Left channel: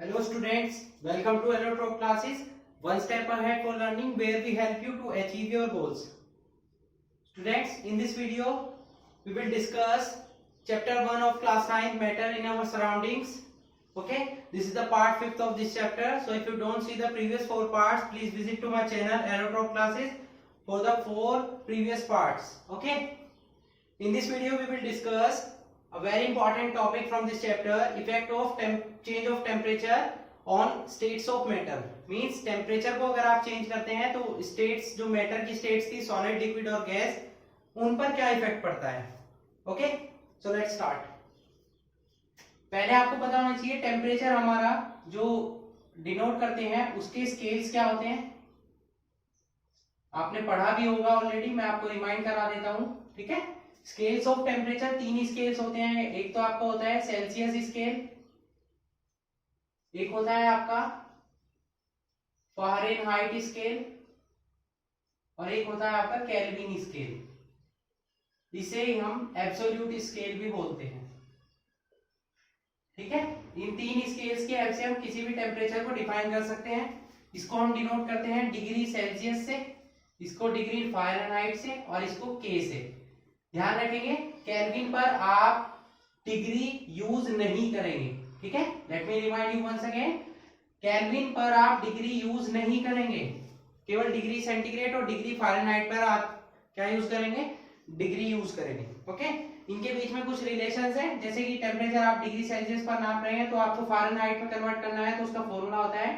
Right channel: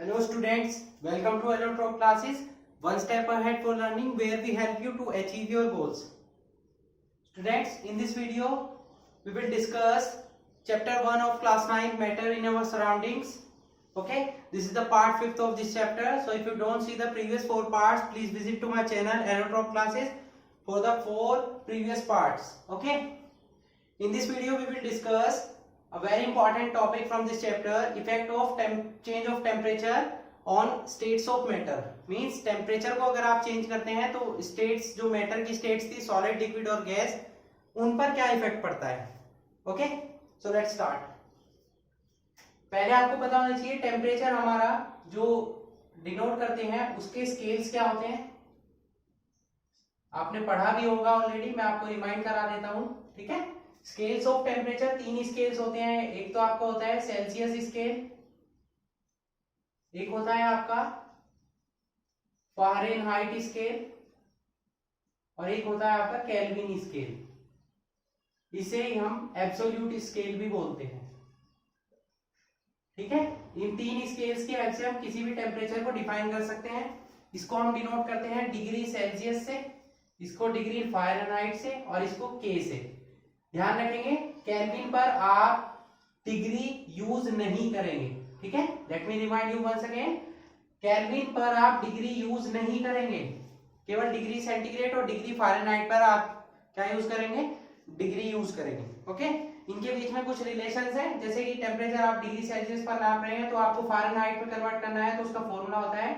Hello students, welcome to Aerotalk classes, one step ahead for learning where we help you to achieve your goals. Students, in this video, we will discuss chapter 1 of class 9 matter in our surroundings. Okay, this is the part 5th of this chapter. So if you don't see the previous 4 parts, please visit to my channel Aerotalk classes for the 4 previous parts. Okay, in this video we will discuss a very important topic from this chapter, effect of change of temperature on states of matter. Means temperature को अगर आप change करते हैं तो states, जो matter की states थी, solid, liquid और गैस, उन पर क्या इफेक्ट पड़ता है. Okay, so let's start. पहले आपको पता होना चाहिए टेम्परेचर हमारा जो डिनोट करते हैं उसके स्केल्स क्या होते हैं. आपने पढ़ा भी होगा ऑलरेडी, मैं आपको रिमाइंड करा देता हूं. ठीक है, स्केल्स ऑफ टेम्परेचर 3 स्केल्स होते हैं. एक तो आपका होता है सेल्सियस स्केल, एक होता है आपका फ़ारेनहाइट स्केल और एक होता है आपका केल्विन स्केल. इसे हम एब्सोल्यूट स्केल भी बोलते हैं. ठीक है, इन 3 स्केल्स की हेल्प से हम किसी भी टेम्परेचर को डिफाइन कर सकते हैं. इसको हम डिनोट करते हैं डिग्री सेल्सियस से, इसको डिग्री फ़ारेनहाइट से और इसको के से. ध्यान रखेंगे केल्विन पर आप डिग्री यूज नहीं करेंगे. ठीक है, let me remind you once again, Kelvin पर आप डिग्री यूज नहीं करेंगे, केवल डिग्री सेंटीग्रेड और डिग्री फ़ारेनहाइट पर आप क्या यूज करेंगे, डिग्री यूज करेंगे. ओके, इनके बीच में कुछ रिलेशंस हैं, जैसे कि टेम्परेचर आप डिग्री सेल्सियस पर नाप रहे हैं तो आपको फ़ारेनहाइट में कन्वर्ट करना है, तो उसका फॉर्मूला होता है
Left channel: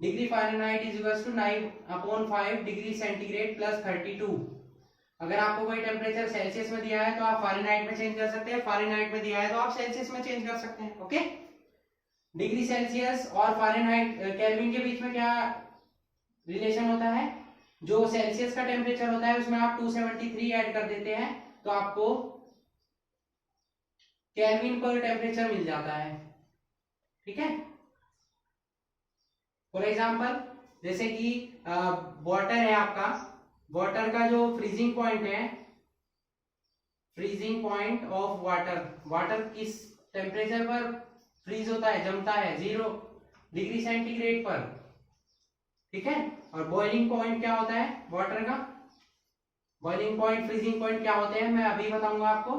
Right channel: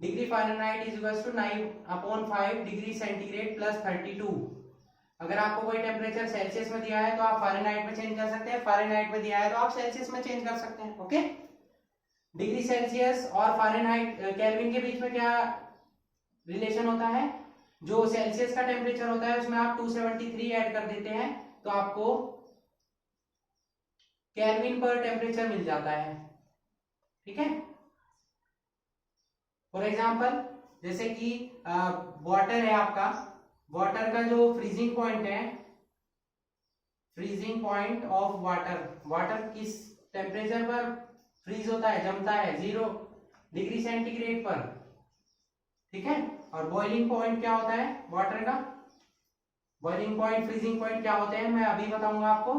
degree Fahrenheit is equal to 9/5 degree centigrade plus 32. अगर आपको कोई टेम्परेचर सेल्सियस में दिया है तो आप फ़ारेनहाइट में चेंज कर सकते हैं, फ़ारेनहाइट में दिया है तो आप सेल्सियस में चेंज कर सकते हैं. ओके, डिग्री सेल्सियस और फ़ारेनहाइट केल्विन के बीच में क्या रिलेशन होता है, जो सेल्सियस का टेम्परेचर होता है उसमें आप 273 ऐड कर देते हैं तो आपको केल्विन पर टेम्परेचर मिल जाता है. ठीक है, फॉर एग्जांपल जैसे कि वाटर है आपका, वाटर का जो फ्रीजिंग पॉइंट है, freezing point of water, water किस टेम्परेचर पर फ्रीज होता है, जमता है, 0 डिग्री सेंटीग्रेड पर. ठीक है, और बॉइलिंग पॉइंट क्या होता है वाटर का, बॉइलिंग पॉइंट, फ्रीजिंग पॉइंट क्या होते हैं मैं अभी बताऊंगा आपको.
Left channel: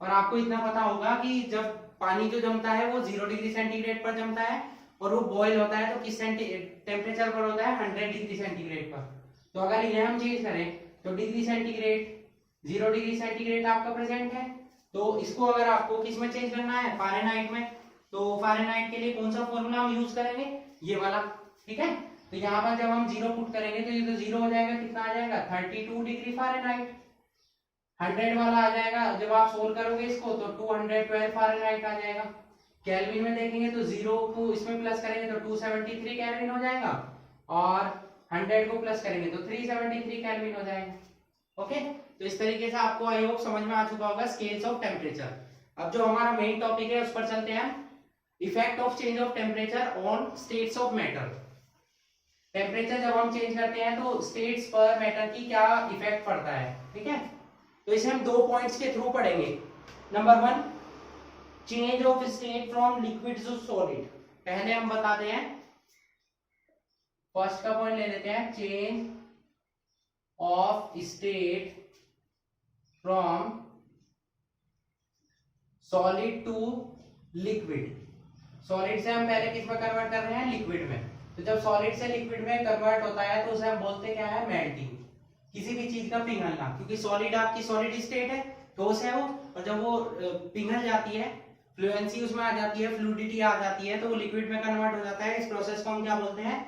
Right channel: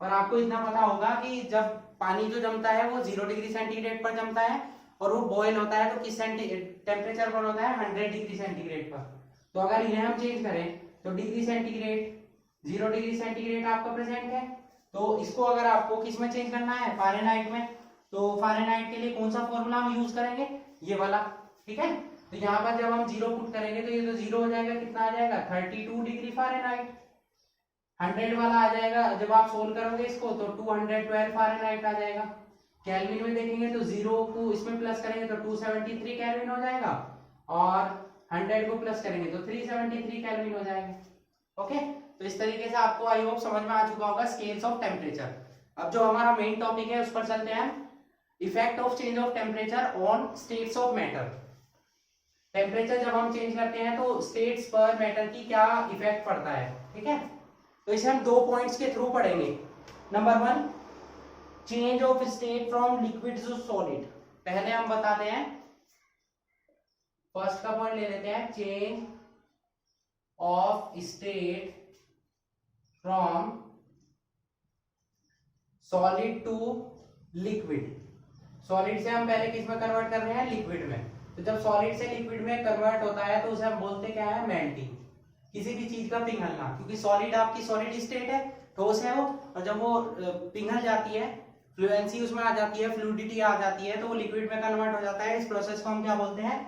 और आपको इतना पता होगा कि जब पानी जो जमता है वो 0 डिग्री सेंटीग्रेड पर जमता है और वो बॉयल होता है तो किस टेम्परेचर पर होता है, 100 डिग्री सेंटीग्रेड पर. तो अगर ये हम चेंज करें तो डिग्री सेंटीग्रेड, 0 डिग्री सेंटीग्रेड आपका प्रेजेंट है, तो इसको अगर आपको किस में चेंज करना है, फ़ारेनहाइट में, तो फ़ारेनहाइट के लिए कौन सा फॉर्मूला हम यूज करेंगे, ये वाला. ठीक है, तो यहाँ पर जब हम 0 पुट करेंगे तो ये तो 0 हो जाएगा, कितना आ जाएगा 32 डिग्री फ़ारेनहाइट. 100 वाला आ जाएगा, जब आप सोल्व करोगे इसको तो 212 फ़ारेनहाइट आ जाएगा. केल्विन में देखेंगे तो 0 को इसमें प्लस करेंगे तो 273 केल्विन हो जाएगा और 100 को प्लस करेंगे तो 373 केल्विन हो जाएगा. ओके, तो इस तरीके से आपको आई होप समझ में आ चुका होगा स्केल्स ऑफ टेम्परेचर. अब जो हमारा मेन टॉपिक है उस पर चलते हैं, effect of change of temperature on states of matter. Temperature जब हम चेंज करते हैं तो स्टेट्स पर मैटर की क्या इफेक्ट पड़ता है. ठीक है, तो इसे हम 2 पॉइंट्स के थ्रू पढ़ेंगे. Number 1, change of state from liquid to solid. पहले हम बताते हैं, फर्स्ट का पॉइंट ले लेते हैं, change of state from solid to liquid. Solid से हम पहले किस में कन्वर्ट कर रहे हैं, लिक्विड में. तो जब सॉलिड से लिक्विड में कन्वर्ट होता है तो उसे हम बोलते क्या है, मेल्टिंग, किसी भी चीज का पिघलना. क्योंकि सॉलिड आपकी सॉलिड स्टेट है, ठोस है वो, और जब वो पिघल जाती है, फ्लुएंसी उसमें आ जाती है, फ्लूइडिटी आ जाती है, तो वो लिक्विड में कन्वर्ट हो जाता है. इस प्रोसेस को हम क्या बोलते हैं,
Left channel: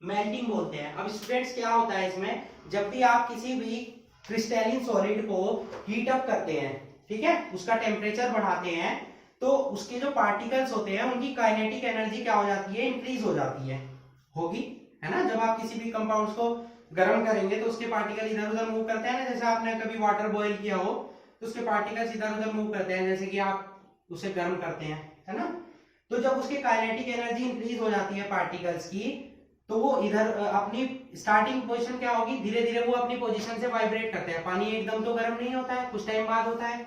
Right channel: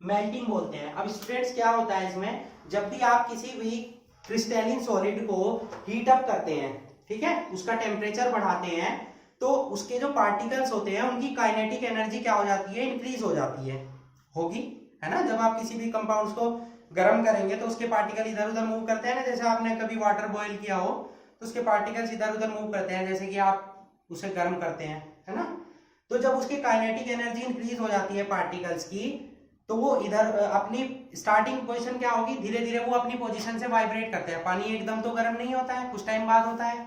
मेल्टिंग बोलते हैं. अब स्टूडेंट्स क्या होता है इसमें, जब भी आप किसी भी क्रिस्टलिन सॉलिड को हीट अप करते हैं, ठीक है, उसका टेम्परेचर बढ़ाते हैं, तो उसके जो पार्टिकल्स होते हैं उनकी काइनेटिक एनर्जी क्या हो जाती है, इंक्रीज हो जाती है, होगी, है ना. जब आप किसी भी कंपाउंड्स को गर्म करेंगे तो उसके पार्टिकल इधर उधर मूव करते हैं ना, जैसे आपने कभी वाटर बॉईल किया हो तो उसके पार्टिकल्स इधर उधर मूव करते हैं, जैसे कि आप उसे गर्म करते हैं, है ना. तो जब उसकी काइनेटिक एनर्जी इंक्रीज हो जाती है पार्टिकल्स की, तो वो इधर अपनी स्टार्टिंग पोजीशन क्या होगी, धीरे धीरे वो अपनी पोजीशन से वाइब्रेट करते हैं. पानी एकदम तो गर्म नहीं होता है, कुछ टाइम बाद होता है,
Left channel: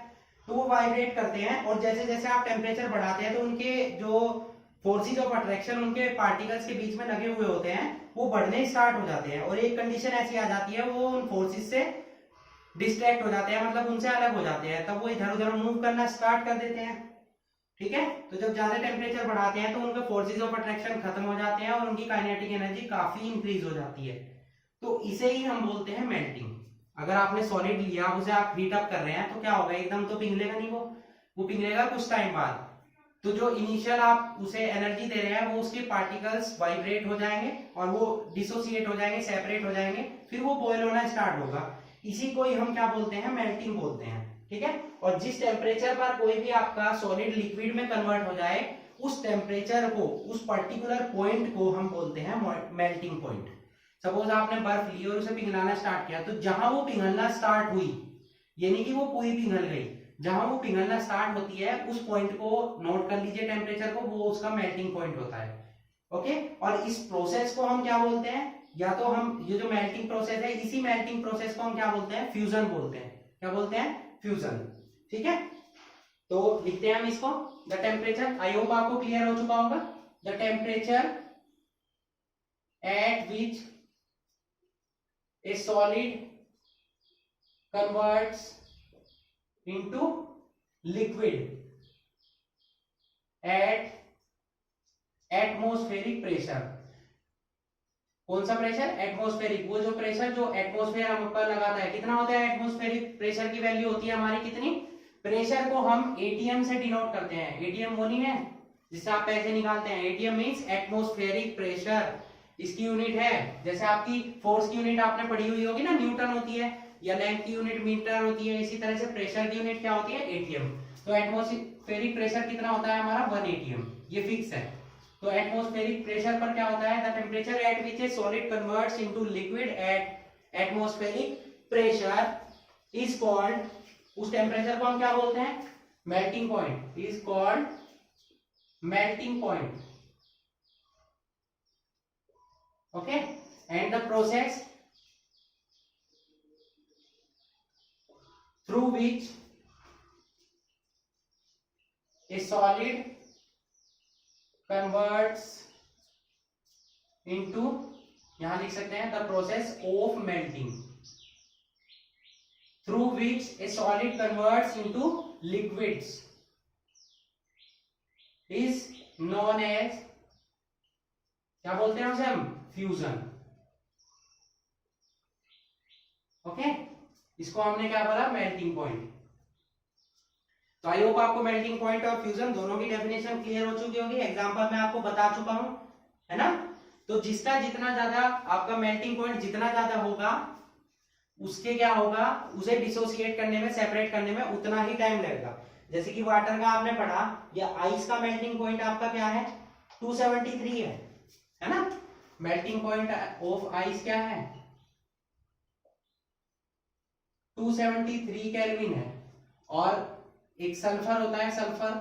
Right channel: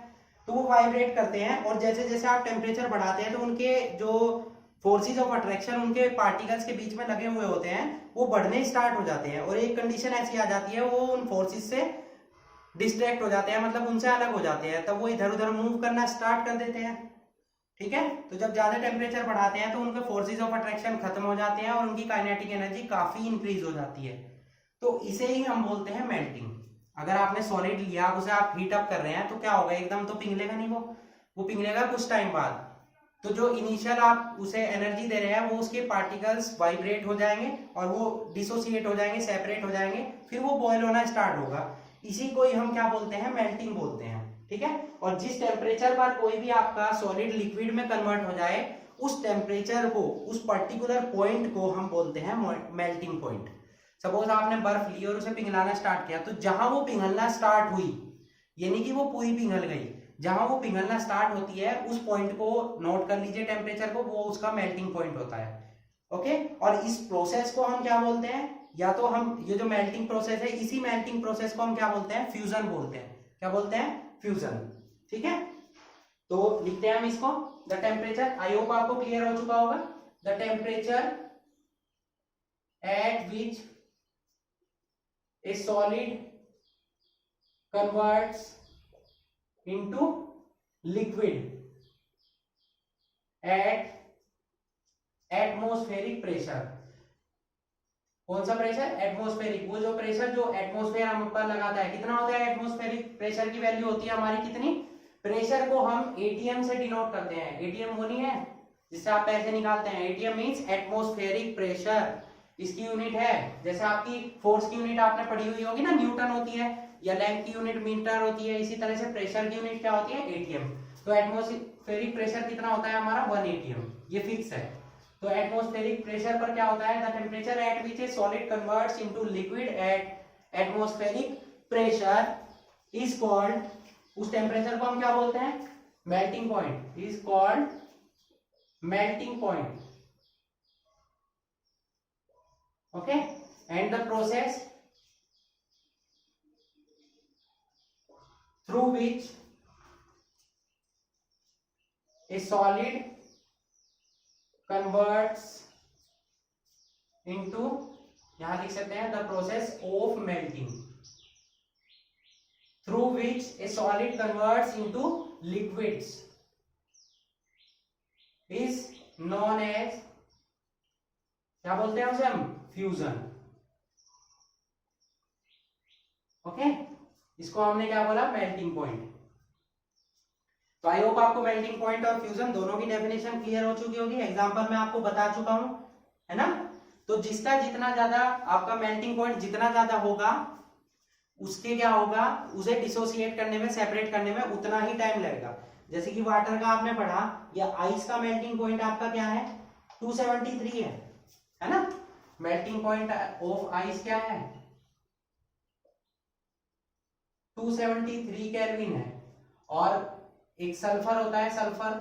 तो वो वाइब्रेट करते हैं. और जैसे जैसे आप टेम्परेचर बढ़ाते हैं तो उनके जो फोर्सेस ऑफ अट्रैक्शन उनके पार्टिकल्स के बीच में लगे हुए होते हैं वो बढ़ने स्टार्ट हो जाते हैं, और एक कंडीशन ऐसी आ जाती है वो उन फोर्सेस से डिस्ट्रैक्ट हो जाते हैं, मतलब उनसे अलग हो जाते हैं, तब वो इधर उधर मूव करना स्टार्ट कर देते हैं। ठीक है, तो जब ज्यादा टेम्परेचर बढ़ाते हैं तो उनके फोर्सेस ऑफ अट्रैक्शन खत्म हो जाते हैं और उनकी काइनेटिक एनर्जी काफी इंक्रीज हो जाती है। तो इसे ही हम बोलते हैं मेल्टिंग। अगर आपने सॉलिड लिया, उसे आप हीट अप कर रहे हैं, तो क्या होगा, एकदम तो पिघलेगा नहीं, वो पिघलेगा कुछ टाइम बाद। तो जो इनिशियल आप उसे एनर्जी दे रहे हैं वो उसके पार्टिकल्स वाइब्रेट हो जाएंगे और वो डिसोसिएट हो जाएंगे, सेपरेट हो जाएंगे, फिर वो बॉयल होना स्टार्ट होगा। इसी को ही हम क्या बोलते हैं, मेल्टिंग बोलते हैं। ठीक है, और जिस टेम्परेचर पर कोई भी आपका सॉलिड लिक्विड में कन्वर्ट हो जाए, उस टेम्परेचर को, उस पर्टिकुलर पॉइंट को हम बोलते हैं मेल्टिंग पॉइंट। सपोज आपने बर्फ ली और उसे पिघलाना स्टार्ट किया, तो जहां वो पिघलना स्टार्ट हुई, यानी कि वो पूरी पिघल गई, जहां वो पिघलना स्टार्ट होती है उस पॉइंट को नोट कर लीजिए टेम्परेचर को, वो उसका मेल्टिंग पॉइंट होता है। ओके, और इस प्रोसेस को हम क्या बोलते हैं, या तो हम ये जो मेल्टिंग प्रोसेस है, इसी मेल्टिंग प्रोसेस को हम क्या बोलते हैं, फ्यूजन बोलते हैं। क्या बोलते हैं, फ्यूजन। ठीक है, तो लिखते हैं हम इसको, द टेम्परेचर, आई होप आपको क्लियर हो चुका होगा, the temperature at which a solid converts into liquid at atmospheric pressure। कौन सा प्रेशर, एटमॉस्फेरिक। वो जो प्रेशर जो एटमॉस्फेयर हम ऊपर लगाता है, कितना होता है एटमॉस्फेरिक प्रेशर की वैल्यू होती है हमारी कितनी, प्रेशर को हम एटीएम से डिनोट करते हैं। एटीएम वो नहीं है जिससे आप पैसे निकालते हैं, एटीएम मींस एटमॉस्फेरिक प्रेशर। इसकी यूनिट है, जैसे आपकी फोर्स की यूनिट आपने पढ़ी हुई होगी ना, न्यूटन होती है, या लेंथ की यूनिट मीटर होती है, इसी तरह से प्रेशर की यूनिट क्या होती है, एटीएम। तो एटमॉस्फेरिक प्रेशर कितना होता है हमारा, 1 एटीएम, ये फिक्स है। तो एटमॉस्फेरिक प्रेशर पर क्या होता है, the temperature at which A solid converts into liquid at atmospheric pressure is called, उस टेम्परेचर को हम क्या बोलते हैं, melting point, is called melting point. Okay, and the process through which a solid converts into, यहां लिख सकते हैं the process of melting, through which a solid converts into liquids is known as, क्या बोलते हैं उसे हम, फ्यूजन। ओके, इसको हमने क्या बोला, मेल्टिंग पॉइंट। तो आई होप आपको मेल्टिंग पॉइंट और फ्यूजन दोनों की डेफिनेशन क्लियर हो चुकी होगी, एग्जांपल में आपको बता चुका हूं, है ना। तो जिसका जितना ज्यादा आपका मेल्टिंग पॉइंट जितना ज्यादा होगा, उसके क्या होगा, उसे डिसोसिएट करने में, सेपरेट करने में उतना ही टाइम लगेगा। जैसे कि वाटर का आपने पढ़ा, या आइस का मेल्टिंग पॉइंट आपका क्या है, 273 है ना। मेल्टिंग पॉइंट ऑफ आइस क्या है, 273 केल्विन है। और एक सल्फर होता है, सल्फर,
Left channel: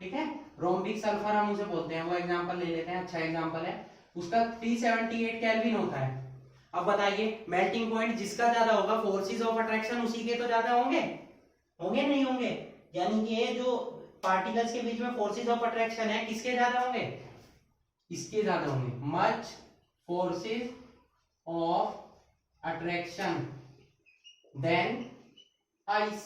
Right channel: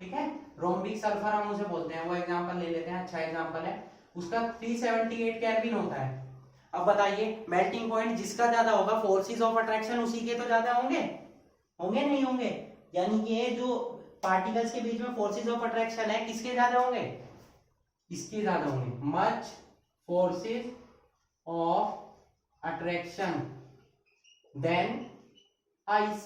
ठीक है, रोम्बिक सल्फर हम उसे बोलते हैं, वो एग्जांपल ले लेते हैं, अच्छा एग्जांपल है, उसका 378 केल्विन होता है। अब बताइए, मेल्टिंग पॉइंट जिसका ज्यादा होगा, फोर्सेस ऑफ अट्रैक्शन उसी के तो ज्यादा होंगे, होंगे नहीं होंगे, यानी कि ये जो पार्टिकल्स के बीच में फोर्सेस ऑफ अट्रैक्शन है, किसके ज्यादा होंगे, इसके ज्यादा होंगे। Much forces of attraction than ice.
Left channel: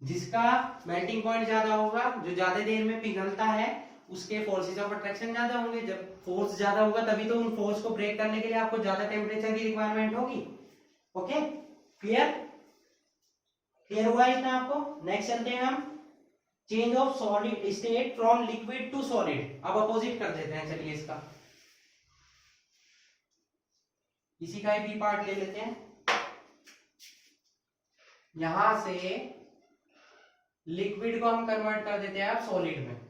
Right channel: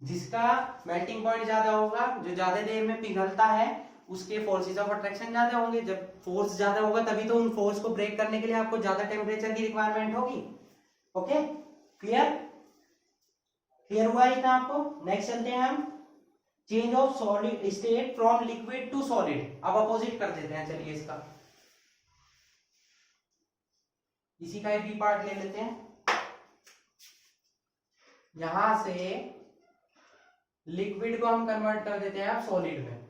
जिसका मेल्टिंग पॉइंट ज्यादा होगा, जो ज्यादा देर में पिघलता है, उसके फोर्सेस ऑफ अट्रैक्शन ज्यादा होंगे। जब फोर्स ज्यादा होगा तभी तो उन फोर्स को ब्रेक करने के लिए आपको ज्यादा टेम्परेचर की रिक्वायरमेंट होगी। ओके, क्लियर, क्लियर हुआ इतना आपको। नेक्स्ट चलते हैं हम, change of solid state from liquid to solid. अब अपोजिट कर देते हैं, चलिए इसका, इसी का एक भी पार्ट ले लेते हैं। यहां से लिक्विड को हम कन्वर्ट कर देते हैं अब सॉलिड में,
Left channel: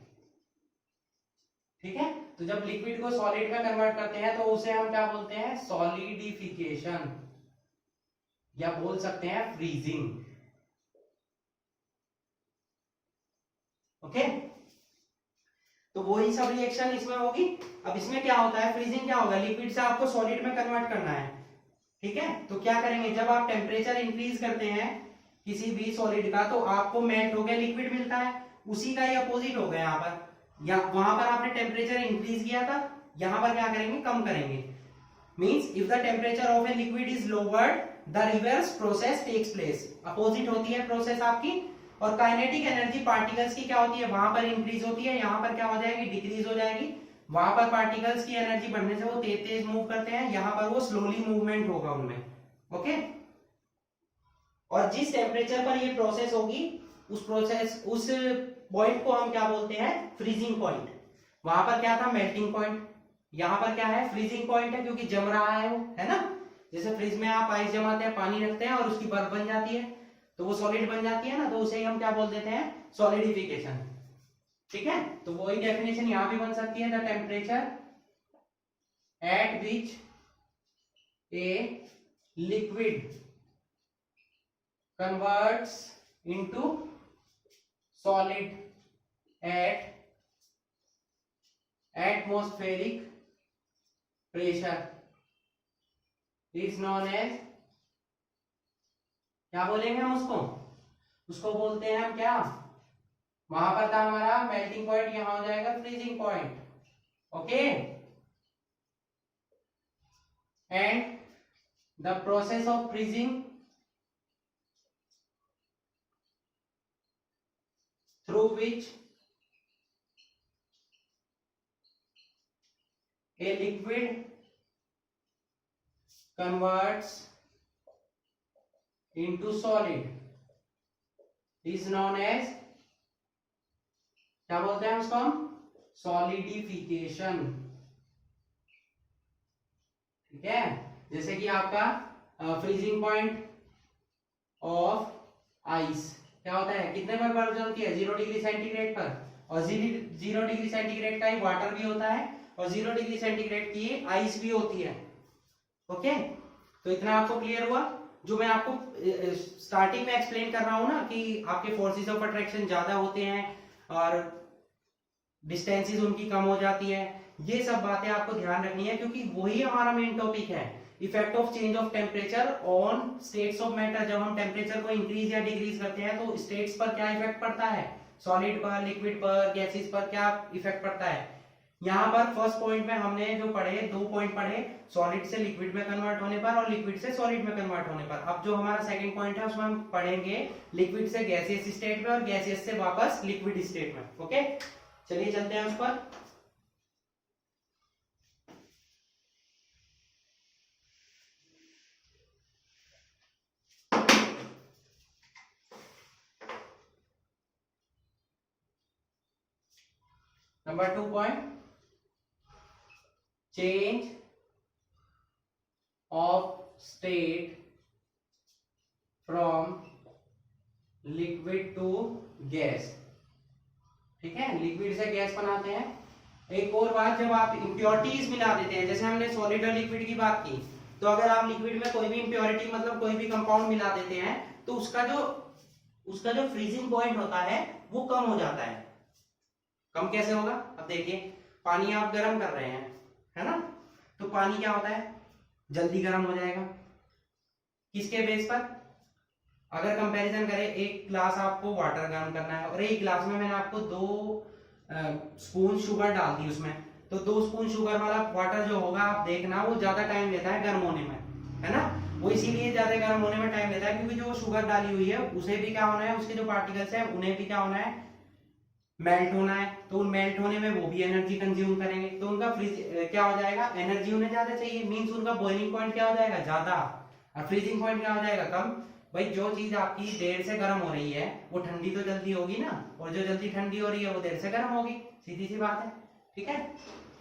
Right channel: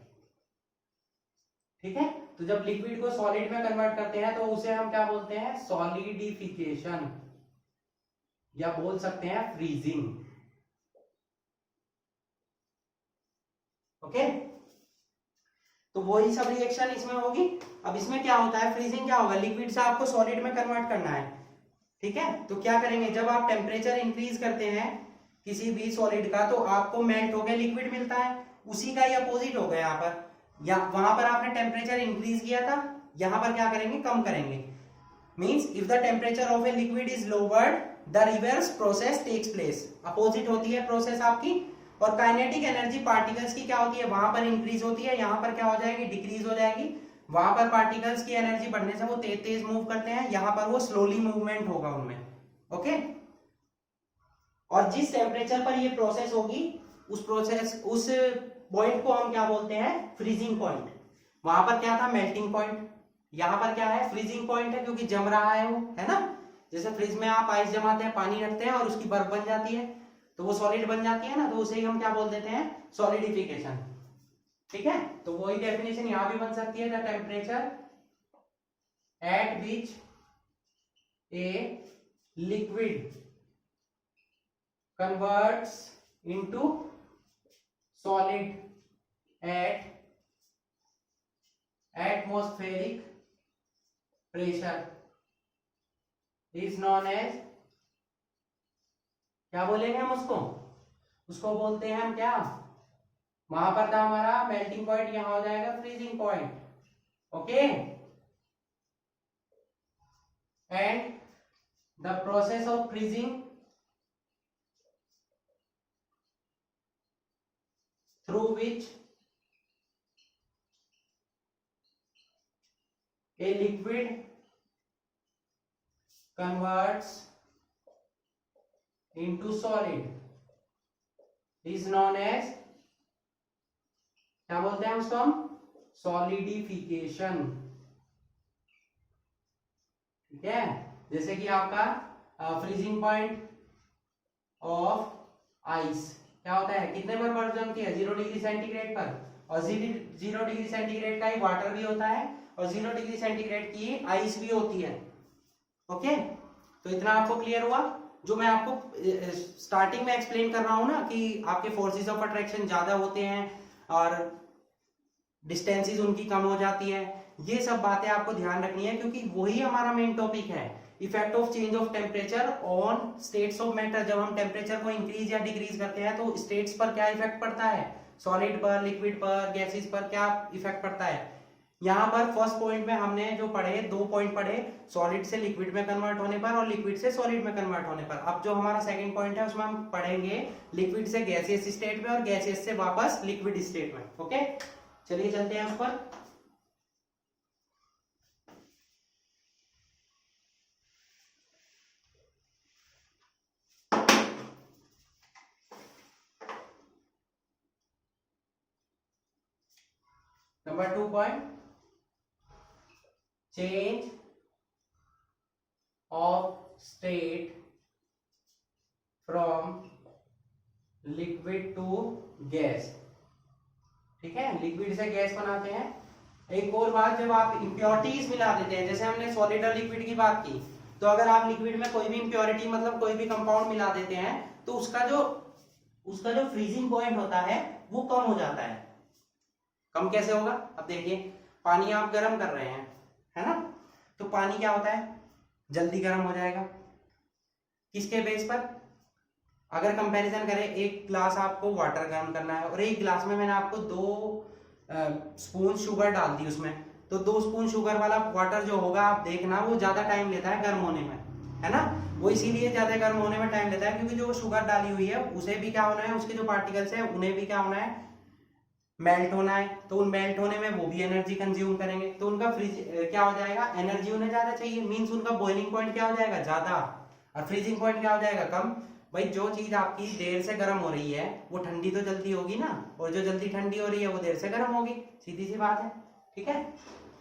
ठीक है। तो जब लिक्विड को सॉलिड में कन्वर्ट करते हैं तो उसे हम क्या बोलते हैं, सॉलिडिफिकेशन, या बोल सकते हैं फ्रीजिंग। ओके, तो वही सब रिएक्शन इसमें होगी। अब इसमें क्या होता है, फ्रीजिंग क्या होगा, लिक्विड से आपको सॉलिड में कन्वर्ट करना है, ठीक है। तो क्या करेंगे, जब आप टेम्परेचर इंक्रीज करते हैं किसी भी सॉलिड का, तो आपको मेल्ट होकर लिक्विड मिलता है। उसी का ही अपोजिट होगा यहाँ पर, या वहां पर आपने टेम्परेचर इंक्रीज किया था, यहां पर क्या करेंगे, कम करेंगे। Means if the temperature of a liquid is lowered the reverse process takes place. Opposite होती है प्रोसेस आपकी। और काइनेटिक एनर्जी पार्टिकल्स की क्या होती है, वहां पर इंक्रीज होती है, यहां पर क्या हो जाएगी, डिक्रीज हो जाएगी। वहां पर पार्टिकल्स की एनर्जी बढ़ने से वो तेज तेज मूव करते हैं, यहां पर वो स्लोली मूवमेंट होगा उनमें। ओके। और जिस टेम्परेचर पर ये प्रोसेस होगी उस पॉइंट को हम क्या बोलते हैं, फ्रीजिंग पॉइंट। वहां पर क्या था, मेल्टिंग पॉइंट। यहां पर क्या है, फ्रीजिंग पॉइंट है, क्योंकि जम रहा है वो, है ना। जैसे फ्रिज में आप आइस जमाते हैं, पानी रखते हैं और उसकी बर्फ बन जाती है, तो वो सॉलिड बन जाती है ना, तो उसे ही हम क्या बोल देते हैं, सॉलिडिफिकेशन। ठीक है, तो वही डेफिनेशन यहां भी बन सकती है, the temperature at which a liquid converts into solid at atmospheric pressure is known as, क्या बोलेंगे हम उसको, उसको बोलते हैं हम क्या, वहां पर था हमारा मेल्टिंग पॉइंट, यहां हो जाएगा freezing point. Okay. And the process of freezing through which a liquid converts into solid is known as, क्या बोलते हैं उसको हम, सॉलिडिफिकेशन। ठीक है, जैसे कि आपका फ्रीजिंग पॉइंट ऑफ आइस क्या होता है, कितने पर बर्फ जमती है, 0 डिग्री सेंटीग्रेड पर। और 0 डिग्री सेंटीग्रेड का ही वाटर भी होता है, और 0 डिग्री सेंटीग्रेड की आइस भी होती है। ओके, तो इतना आपको क्लियर हुआ। जो मैं आपको स्टार्टिंग में एक्सप्लेन कर रहा हूं ना, कि आपके फोर्सेस ऑफ अट्रैक्शन ज्यादा होते हैं और डिस्टेंसेस उनकी कम हो जाती है, ये सब बातें आपको ध्यान रखनी है, क्योंकि वही हमारा मेन टॉपिक है, effect of change of temperature on states of matter. जब हम टेम्परेचर को इंक्रीज या डिक्रीज करते हैं तो स्टेट्स पर क्या इफेक्ट पड़ता है, सॉलिड पर, लिक्विड पर, गैसेस पर क्या इफेक्ट पड़ता है। यहाँ पर फर्स्ट पॉइंट में हमने जो पढ़े, 2 पॉइंट पढ़े, सॉलिड से लिक्विड में कन्वर्ट होने पर और लिक्विड से सॉलिड में कन्वर्ट होने पर। अब जो हमारा सेकंड पॉइंट है उसमें हम पढ़ेंगे लिक्विड से गैसियस स्टेट में और गैसियस से वापस लिक्विड स्टेट में। ओके, चलिए चलते हैं उस पर। Number 2 point, change of state from liquid to gas. ठीक है, लिक्विड से गैस बनाते हैं। एक और बात, जब आप इंप्योरिटीज मिला देते हैं, जैसे हमने सॉलिड और लिक्विड की बात की, तो अगर आप लिक्विड में कोई भी इंप्योरिटी मतलब कोई भी कंपाउंड मिला देते हैं तो उसका जो फ्रीजिंग पॉइंट होता है वो कम हो जाता है। कम कैसे होगा, अब देखिए, पानी आप गर्म कर रहे हैं, है ना, तो पानी क्या होता है, जल्दी गर्म हो जाएगा। किसके बेस पर, अगर कंपैरिजन करें, एक ग्लास आपको वाटर गर्म करना है और एक ग्लास में मैंने आपको 2 स्पून शुगर डाल दी उसमें, तो 2 स्पून शुगर वाला वाटर जो होगा, आप देखना वो ज्यादा टाइम लेता है गर्म होने में, है ना। वो इसीलिए ज्यादा गर्म होने में टाइम लेता है क्योंकि जो शुगर डाली हुई है उसे भी क्या होना है, उसके जो पार्टिकल्स हैं उन्हें भी क्या होना है, मेल्ट होना है। तो उन मेल्ट होने में वो भी एनर्जी कंज्यूम करेंगे, तो उनका फ्रीज क्या हो जाएगा, एनर्जी उन्हें ज्यादा चाहिए, मींस उनका बॉइलिंग पॉइंट क्या हो जाएगा, ज्यादा, और फ्रीजिंग पॉइंट क्या हो जाएगा, कम। भाई जो चीज आपकी देर से गर्म हो रही है वो ठंडी तो जल्दी होगी ना, और जो जल्दी ठंडी हो रही है वो देर से गर्म होगी, सीधी सी बात है। ठीक है,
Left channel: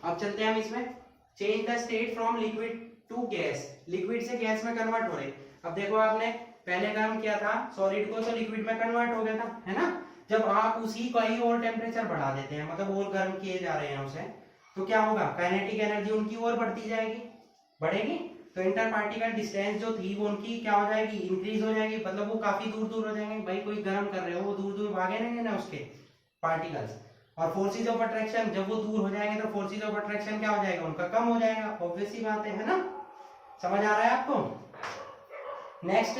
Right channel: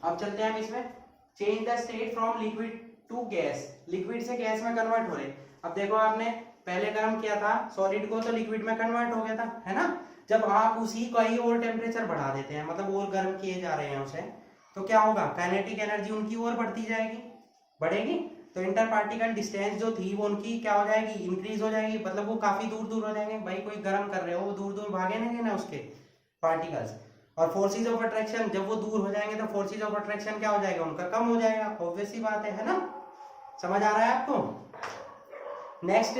अब चलते हैं हम इसमें, change the state from liquid to gas, liquid से गैस में कन्वर्ट हो रहे। अब देखो, आपने पहले गर्म किया था सॉलिड को तो लिक्विड में कन्वर्ट हो गया था, है ना। जब आप उसी का ही और टेम्परेचर बढ़ा देते हैं, मतलब और गर्म किए जा रहे हैं उसे, तो क्या होगा, काइनेटिक एनर्जी उनकी और बढ़ती जाएगी, बढ़ेगी। तो इंटर पार्टिकल डिस्टेंस जो थी वो उनकी क्या हो जाएगी, इंक्रीज हो जाएगी, मतलब वो काफी दूर दूर हो जाएंगे। भाई कोई गर्म कर रहे हो, वो दूर दूर भागेंगे ना उसके पार्टिकल्स। और फोर्सेज ऑफ अट्रैक्शन, जब वो दूर हो जाएंगे तो फोर्सेज ऑफ अट्रैक्शन क्या हो जाएगा, उनका कम हो जाएगा, ऑब्वियस सी बात है ना। समझ आ रहा है आपको। नेक्स्ट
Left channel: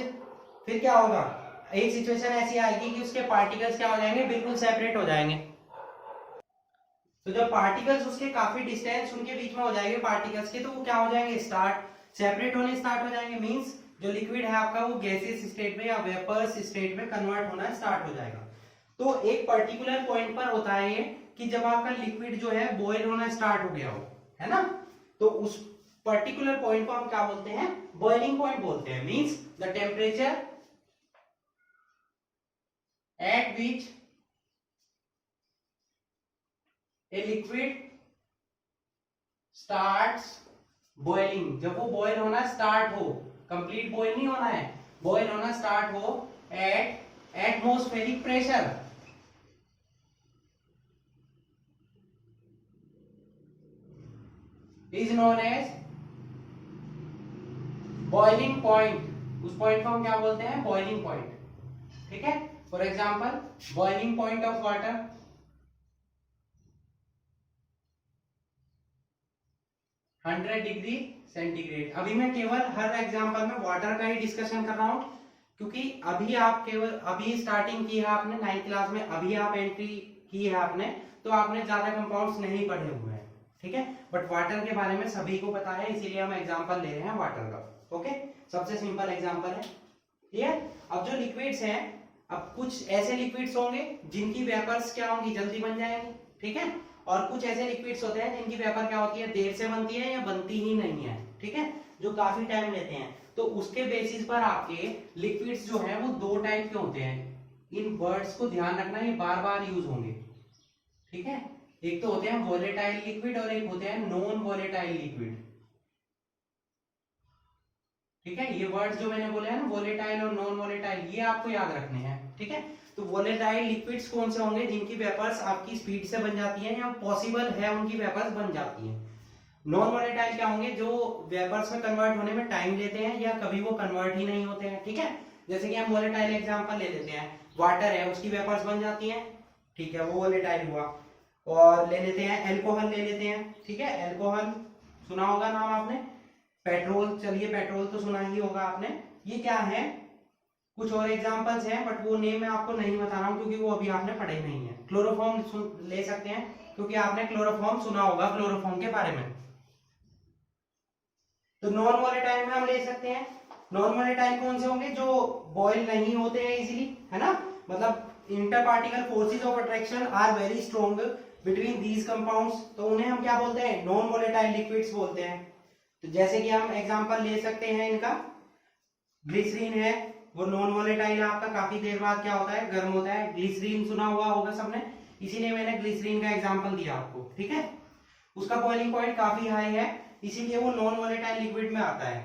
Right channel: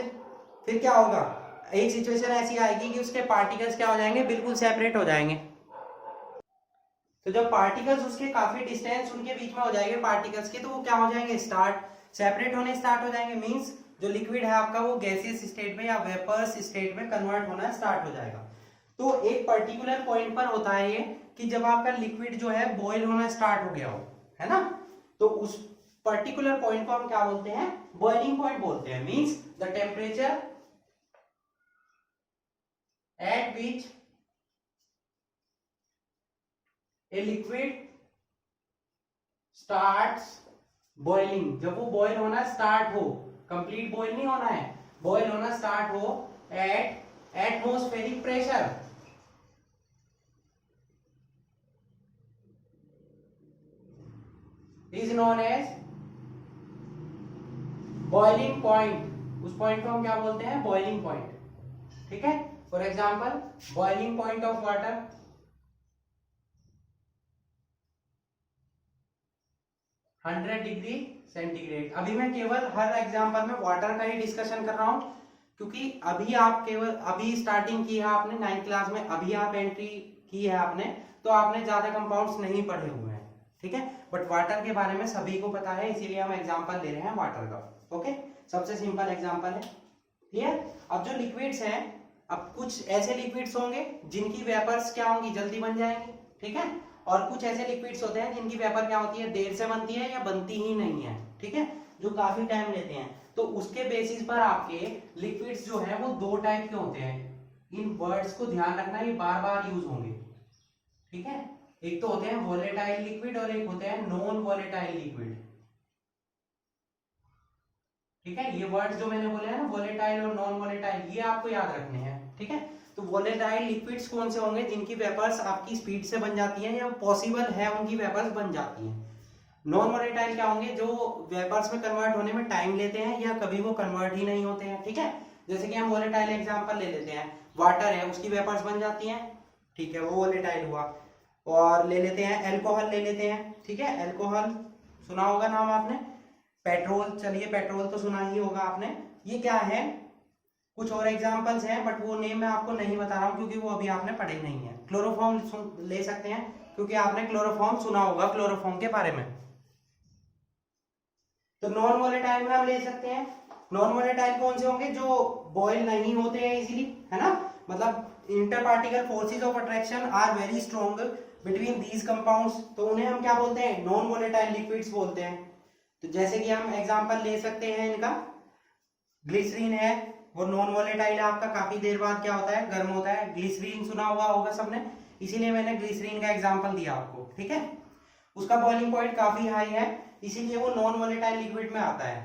फिर क्या होगा, एक सिचुएशन ऐसी आएगी कि उसके पार्टिकल्स क्या हो जाएंगे, बिल्कुल सेपरेट हो जाएंगे। तो जब पार्टिकल्स उसके काफी डिस्टेंस उनके बीच में हो जाएंगे पार्टिकल्स के, तो वो क्या हो जाएंगे, सेपरेट होने स्टार्ट हो जाएंगे। मींस जो लिक्विड है आपका वो गैसियस स्टेट में या वेपर्स स्टेट में कन्वर्ट होना स्टार्ट हो जाएगा। तो एक पर्टिकुलर पॉइंट पर होता है ये कि जब आपका लिक्विड जो है बॉयल होना स्टार्ट हो गया हो, है ना, तो उस पर्टिकुलर पॉइंट को हम क्या बोलते हैं, बॉइलिंग पॉइंट बोलते हैं। Means the temperature at which a liquid starts boiling, जब वो बॉयल होना स्टार्ट हो, कंप्लीट बॉयल नहीं होना है, बॉयल होना स्टार्ट हो at atmospheric pressure, is known as boiling point. उस पॉइंट को हम क्या बोलते हैं, बॉइलिंग पॉइंट। ठीक है, for example boiling point of water 100 degree centigrade. अभी मैं केवल हर एग्जांपल में वाटर का ही डिस्कशन कर रहा हूं, क्योंकि अभी आप केवल अभी स्टार्टिंग की है आपने 9th क्लास में, अभी आप एंट्री की है आपने, तो आपने ज्यादा कंपाउंड्स नहीं पढ़े हुए हैं। ठीक है, बट वाटर के बारे में सभी को पता है, इसीलिए हम एग्जांपल ले रहे हैं वाटर का। ओके, सबसे सिंपल एग्जांपल है। क्लियर? अब जो लिक्विड्स हैं, अब कुछ ऐसे लिक्विड्स होंगे जिनकी वेपर्स क्या होंगी, जल्दी बन जाएंगी। ठीक है, और कुछ ऐसे लिक्विड्स होते हैं जिनकी वेपर क्या होती है, देर से बनती है या बनती ही नहीं है। ठीक है, जो काफी टाइम लेते हैं। तो उसके बेसिस पर आपके लिक्विड्स जो है वो दो टाइप के होते हैं। इन वर्ड्स को ध्यान रखना, ये बार बार यूज होंगे। ठीक है, एक तो होते हैं वोलेटाइल लिक्विड और एक होते हैं नॉन वोलेटाइल लिक्विड। ठीक है, ये वर्ड्स जो मैंने बोले हैं ना, वोलेटाइल और नॉन वोलेटाइल, ये आपको याद रखने हैं। ठीक है, तो वोलेटाइल लिक्विड्स कौन से होंगे, जिनकी वेपर्स आपकी स्पीड से बन जाती है या पॉसिबल है उनकी वेपर्स बन जाती हैं। नॉन वोलेटाइल क्या होंगे, जो वेपर्स में कन्वर्ट होने में टाइम लेते हैं या कभी वो कन्वर्ट ही नहीं होते हैं। ठीक है, जैसे कि हम वोलेटाइल एग्जांपल ले लेते हैं, वाटर है उसकी वेपर्स बन जाती हैं, ठीक है, वो वोलेटाइल हुआ। और ले लेते हैं एल्कोहल, ले लेते हैं, ठीक है, एल्कोहल सुना होगा नाम आपने। पेट्रोल, चलिए पेट्रोल तो सुना ही होगा आपने। ये क्या है, कुछ और एग्जांपल्स हैं बट वो नेम मैं आपको नहीं बता रहा हूं क्योंकि वो अभी आपने पढ़े नहीं है। क्लोरोफॉर्म ले सकते हैं, क्योंकि आपने क्लोरोफॉर्म सुना होगा, क्लोरोफॉर्म के बारे में। तो नॉन वोलेटाइल में हम ले सकते हैं, नॉन वोलेटाइल कौन से होंगे, जो बॉयल नहीं होते हैं इजीली, है ना, मतलब inter particle forces of attraction are very strong between these compounds, तो उन्हें हम क्या बोलते हैं, नॉन वोलेटाइल लिक्विड्स बोलते हैं। तो जैसे कि हम एग्जांपल ले सकते हैं इनका, ग्लिसरीन है, वो नॉन वोलेटाइल है आपका, काफी देर बाद क्या होता है, गर्म होता है। ग्लिसरीन सुना हुआ होगा सबने, इसीलिए मैंने ग्लिसरीन का एग्जांपल दिया आपको। ठीक है, उसका बॉइलिंग पॉइंट काफी हाई है, इसीलिए वो नॉन वोलेटाइल लिक्विड में आता है।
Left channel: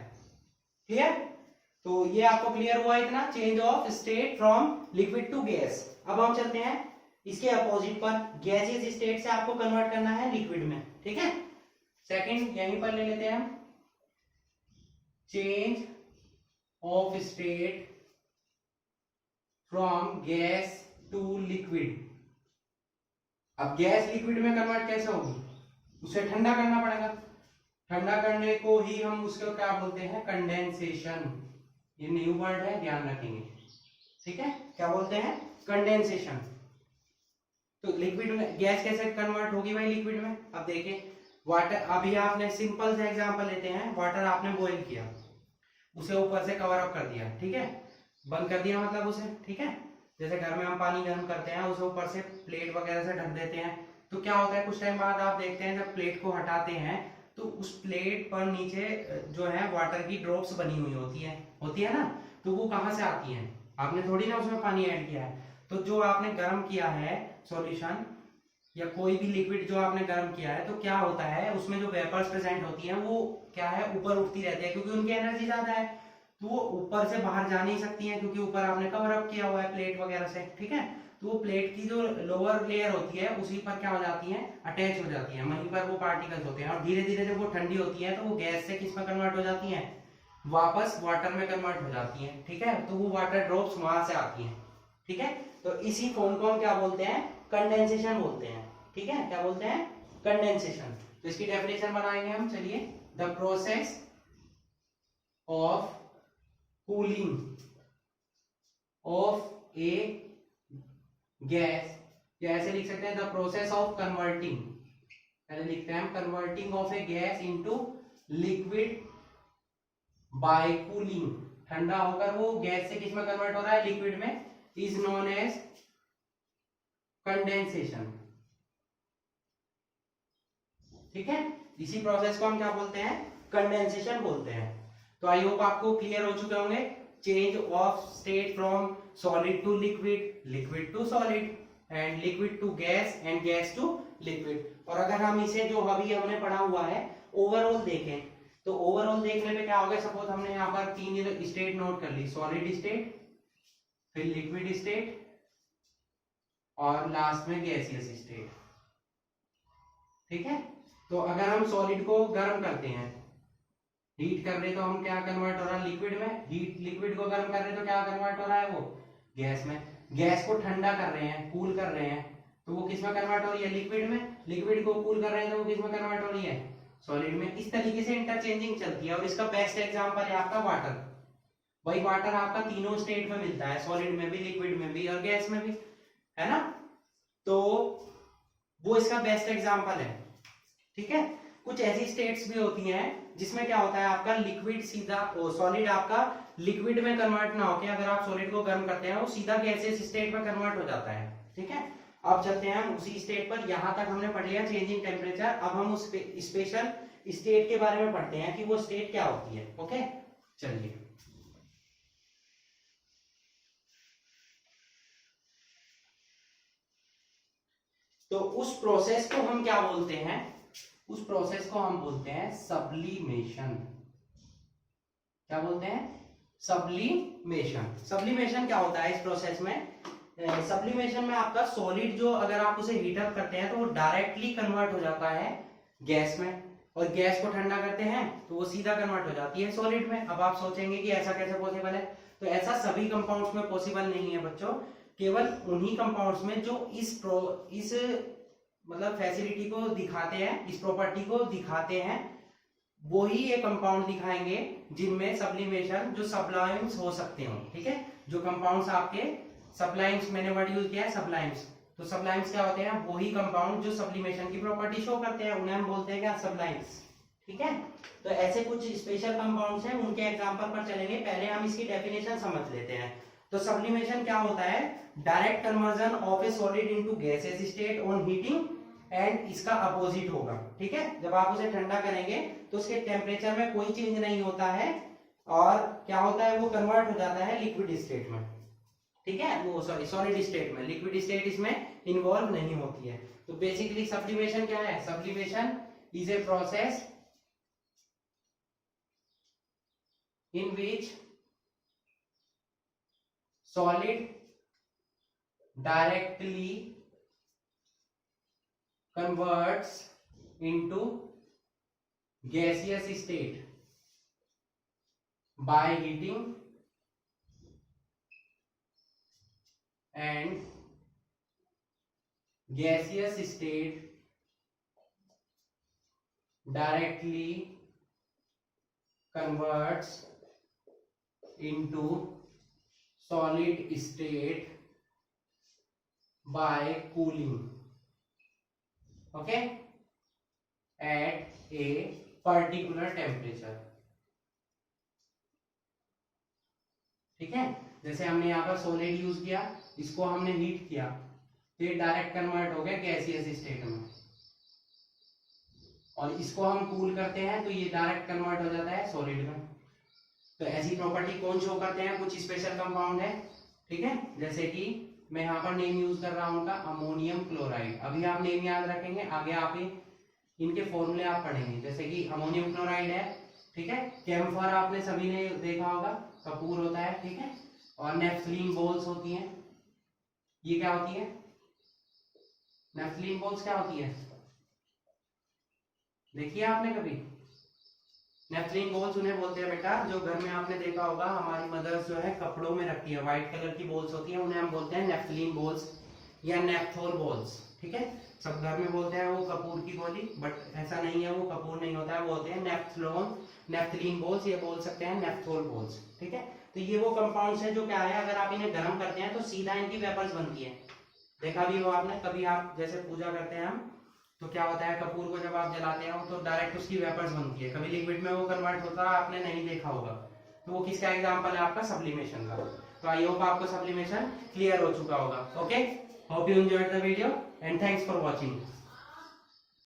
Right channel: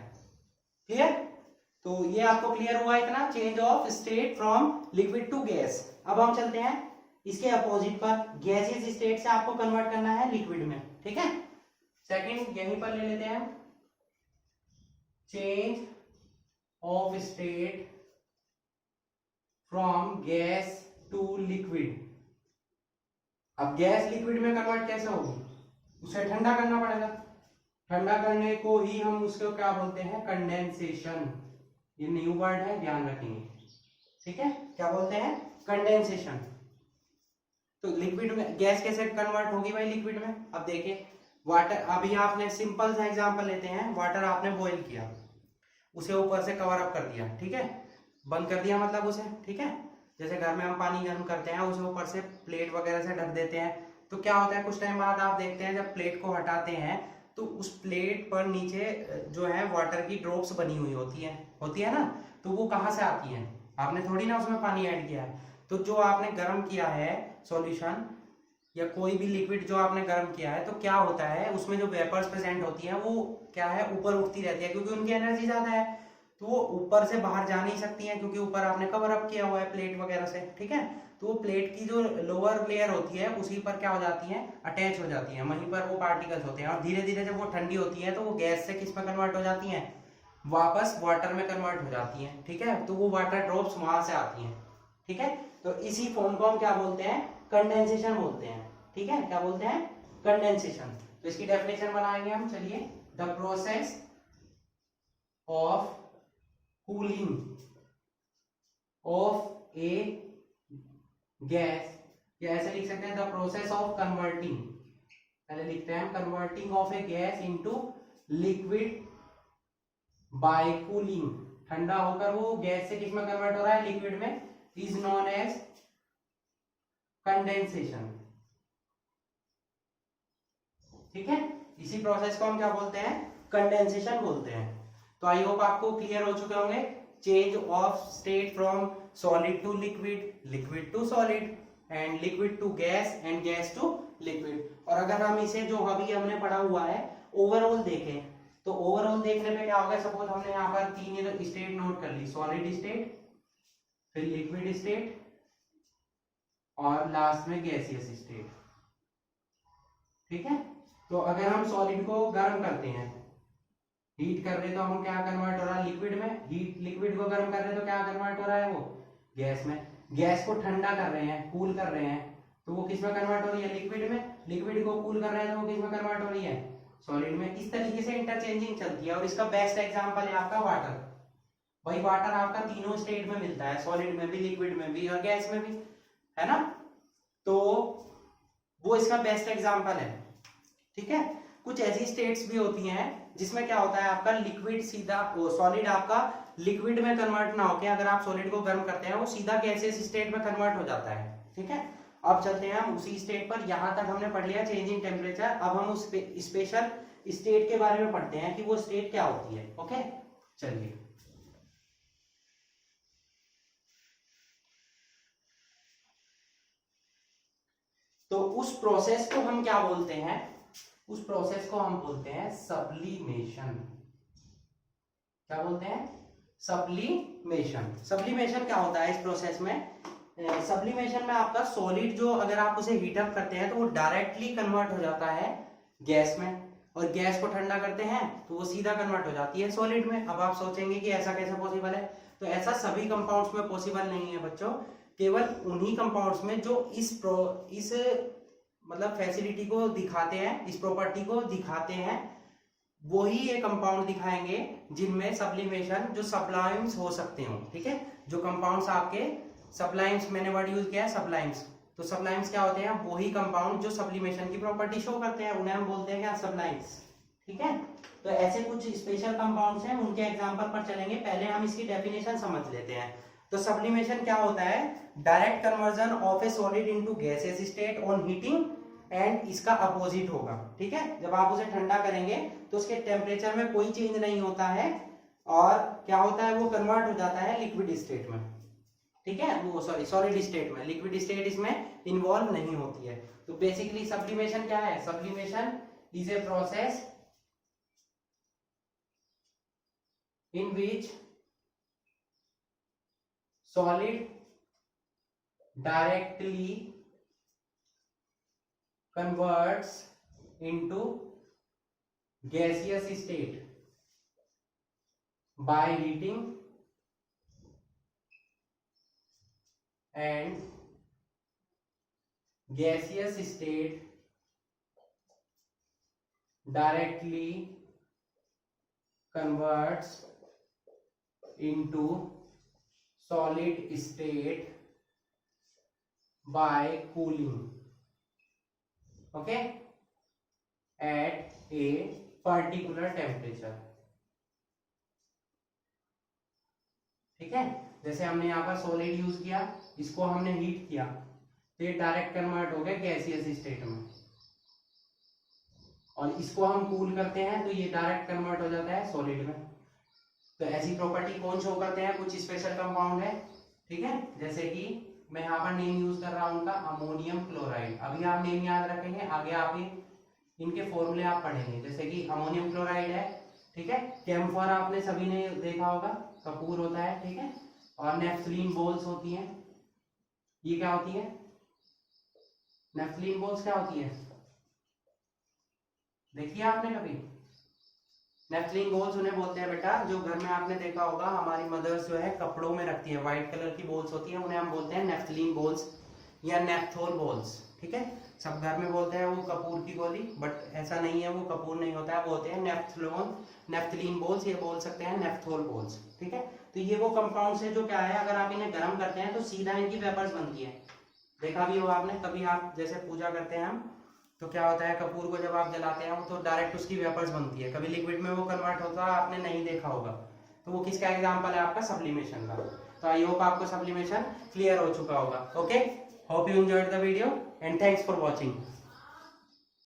क्लियर? तो ये आपको क्लियर हुआ इतना, change of state from liquid to gas. अब हम चलते हैं इसके अपोजिट पर, गैसियस स्टेट से आपको कन्वर्ट करना है लिक्विड में। ठीक है, सेकंड यहीं पर ले लेते हैं, change of state from gas to liquid. अब गैस लिक्विड में कन्वर्ट कैसे होगी, उसे ठंडा करना पड़ेगा। ठंडा करने को ही हम उसको क्या बोलते हैं, कंडेंसेशन। ये न्यू वर्ड है, ध्यान रखेंगे। ठीक है, क्या बोलते हैं, कंडेंसेशन। तो लिक्विड में गैस कैसे कन्वर्ट होगी भाई लिक्विड में, अब देखिए वाटर, अभी आपने सिंपल सा एग्जांपल लेते हैं, वाटर आपने बॉईल किया, उसे ऊपर से कवर अप कर दिया, ठीक है, बंद कर दिया मतलब उसे। ठीक है, जैसे घर में हम पानी गर्म करते हैं, उसे ऊपर से प्लेट वगैरह से ढक देते हैं, तो क्या होता है, कुछ टाइम बाद आप देखते हैं जब प्लेट को हटाते हैं तो उस प्लेट पर नीचे जो है वाटर की ड्रॉप्स बनी हुई होती है ना, तो वो कहाँ से आती हैं, आपने थोड़ी ना उसमें पानी ऐड किया है। तो जो आपने गर्म किया है सॉल्यूशन या कोई भी लिक्विड जो आपने गर्म किया है, तो क्या होता है, उसमें जो वेपर्स प्रेजेंट होती हैं वो क्या है, ऊपर उठती रहती है, क्योंकि उनकी एनर्जी ज्यादा है, तो वो ऊपर से बाहर जा नहीं सकती है, क्योंकि ऊपर आपने कवर अप किया हुआ है प्लेट वगैरह से। ठीक है, तो वो प्लेट की जो लोअर लेयर होती है उसी पर क्या हो जाती है, अटैच हो जाती है, वहीं पर वो पार्टिकल्स होते हैं, और धीरे धीरे जब वो ठंडी होती है तो वो गैस से किस में कन्वर्ट हो जाती है, वापस वाटर में कन्वर्ट हो जाती है। ठीक है, तो वो वाटर ड्रॉप्स वहां से आती हैं। ठीक है, तो इसी फॉर्म को हम क्या बोलते हैं, कंडेंसेशन बोलते हैं। ठीक है, क्या बोलते हैं, कंडेंसेशन। तो इसकी डेफिनेशन बनाएंगे हम, चलिए, the process of cooling of A gas, या ऐसे लिख सकते हैं द प्रोसेस ऑफ कन्वर्टिंग पहले लिखते हैं हम, converting of A gas into liquid bye cooling, ठंडा होकर वो गैस से किस में कन्वर्ट हो रहा है, लिक्विड में, इज नोन एज कंडेंसेशन। ठीक है, इसी प्रोसेस को हम क्या बोलते हैं, कंडेंसेशन बोलते हैं। तो आई होप आपको क्लियर हो चुके होंगे, change of state from solid to liquid, liquid to solid, and liquid to gas, and gas to liquid. और अगर हम इसे जो अभी हमने पढ़ा हुआ है ओवरऑल देखें, तो ओवरऑल देखने पे क्या होगा, सपोज हमने यहाँ पर 3 स्टेट नोट कर ली, सॉलिड स्टेट, फिर लिक्विड स्टेट, और लास्ट में गैसियस स्टेट। ठीक है, तो अगर हम सॉलिड को गर्म करते हैं, हीट कर रहे, तो हम क्या कन्वर्ट हो रहा है, लिक्विड में, हीट लिक्विड को गर्म कर रहे तो क्या कन्वर्ट हो रहा है, वो गैस में। गैस को ठंडा कर रहे हैं, कूल कर रहे हैं, तो वो किस में कन्वर्ट हो रही है, लिक्विड में। लिक्विड को कूल कर रहे हैं तो वो किस में कन्वर्ट हो रही है, सॉलिड में। इस तरीके से इंटरचेंजिंग चलती है। और इसका बेस्ट एग्जांपल है आपका वाटर। भाई वाटर आपका तीनों स्टेट में मिलता है, सॉलिड में भी, लिक्विड में भी, और गैस में भी, है ना। तो वो इसका बेस्ट एग्जांपल है। ठीक है, कुछ ऐसी स्टेट्स भी होती हैं जिसमें क्या होता है, आपका लिक्विड सीधा सॉलिड आपका लिक्विड में कन्वर्ट ना होकर, अगर आप सॉलिड को गर्म करते हैं वो सीधा गैसियस स्टेट में कन्वर्ट हो जाता है। ठीक है, अब चलते हैं हम उसी स्टेट पर। यहां तक हमने पढ़ लिया चेंजिंग टेम्परेचर। अब हम उस स्पेशल स्टेट के बारे में पढ़ते हैं कि वो स्टेट क्या होती है। ओके, चलिए। तो उस प्रोसेस को हम क्या बोलते हैं, उस प्रोसेस को हम बोलते हैं सब्लिमेशन। क्या बोलते हैं, सब्लिमेशन। सब्लिमेशन क्या होता है इस प्रोसेस में, सब्लिमेशन में आपका सॉलिड जो अगर आप उसे हीट अप करते हैं तो वो डायरेक्टली कन्वर्ट हो जाता है गैस में, और गैस को ठंडा करते हैं तो वो सीधा कन्वर्ट हो जाती है सॉलिड में। अब आप सोचेंगे कि ऐसा कैसे पॉसिबल है, तो ऐसा सभी कंपाउंड्स में पॉसिबल नहीं है बच्चों, केवल उन्हीं कंपाउंड्स में जो इस मतलब फैसिलिटी को दिखाते हैं, इस प्रॉपर्टी को दिखाते हैं, वही ये कंपाउंड दिखाएंगे जिनमें सब्लिमेशन, जो सब्लाइम्स हो सकते हो। ठीक है, जो कंपाउंड्स आपके सब्लाइम्स, मैंने वर्ड यूज किया है सब्लाइम्स, तो सब्लाइम्स क्या होते हैं, वही कंपाउंड जो सब्लिमेशन की प्रॉपर्टी शो करते हैं, उन्हें हम बोलते हैं क्या, सब्लाइम्स। ठीक है, तो ऐसे कुछ स्पेशल कंपाउंड्स हैं, उनके एग्जांपल पर चलेंगे। पहले हम इसकी डेफिनेशन समझ लेते हैं। तो सब्लिमेशन क्या होता है, direct conversion of A solid into gaseous state on heating, and इसका अपोजिट होगा। ठीक है, जब आप उसे ठंडा करेंगे तो उसके टेम्परेचर में कोई चेंज नहीं होता है, और क्या होता है, वो कन्वर्ट हो जाता है लिक्विड स्टेट में। ठीक है, वो सॉरी सॉलिड स्टेट में, लिक्विड स्टेट इसमें इन्वॉल्व नहीं होती है। तो बेसिकली सब्लिमेशन क्या है, sublimation is a process in which solid directly converts into gaseous state by heating and gaseous state directly converts into solid state by cooling, okay, at a particular temperature. ठीक है, जैसे हमने यहाँ पर solid use किया, इसको हमने heat किया तो ये डायरेक्ट कन्वर्ट हो गया गैसियस स्टेट में, और इसको हम कूल करते हैं तो ये डायरेक्ट कन्वर्ट हो जाता है सॉलिड में। तो ऐसी प्रॉपर्टी कौन शो करते हैं, कुछ स्पेशल कंपाउंड है। ठीक है, जैसे कि मैं यहाँ पर नेम यूज कर रहा हूँ उनका, अमोनियम क्लोराइड। अभी आप नेम याद रखेंगे, आगे आप इनके फॉर्मूले आप पढ़ेंगे। जैसे कि अमोनियम क्लोराइड है, ठीक है, कैम्फर आपने सभी ने देखा होगा, कपूर होता है, ठीक है, और नेफ्थलीन बॉल्स होती हैं। ये क्या होती है, नेफ्थलीन बॉल्स क्या होती है, देखिए आपने कभी, नेफ्थलीन बॉल्स उन्हें बोलते हैं बेटा, जो घर में आपने देखा होगा हमारी मदर्स जो है कपड़ों में रखती है, व्हाइट कलर की बॉल्स होती हैं, उन्हें हम बोलते हैं नेफ्थलीन बॉल्स या नेफ्थोल बॉल्स। ठीक है, सब घर में बोलते हैं वो कपूर की गोली, बट ऐसा नहीं है, वो कपूर नहीं होता है, वो होते हैं नेफ्थलीन बॉल्स, ये बोल सकते हैं नेफ्थोल बॉल्स। ठीक है, तो ये वो कंपाउंड्स है जो क्या है, अगर आप इन्हें गर्म करते हैं तो सीधा इनकी वेपर्स बनती है। देखा भी हो आपने कभी, आप जैसे पूजा करते हैं हम, तो क्या होता है, कपूर को जब आप जलाते हो तो डायरेक्ट उसकी वेपर्स बनती है, कभी लिक्विड में वो कन्वर्ट होता है, आपने नहीं देखा होगा। तो वो किसका एग्जांपल है, आपका सब्लिमेशन का। तो आई होप आपको सब्लिमेशन क्लियर हो चुका होगा। Okay, hope you enjoyed the video and thanks for watching.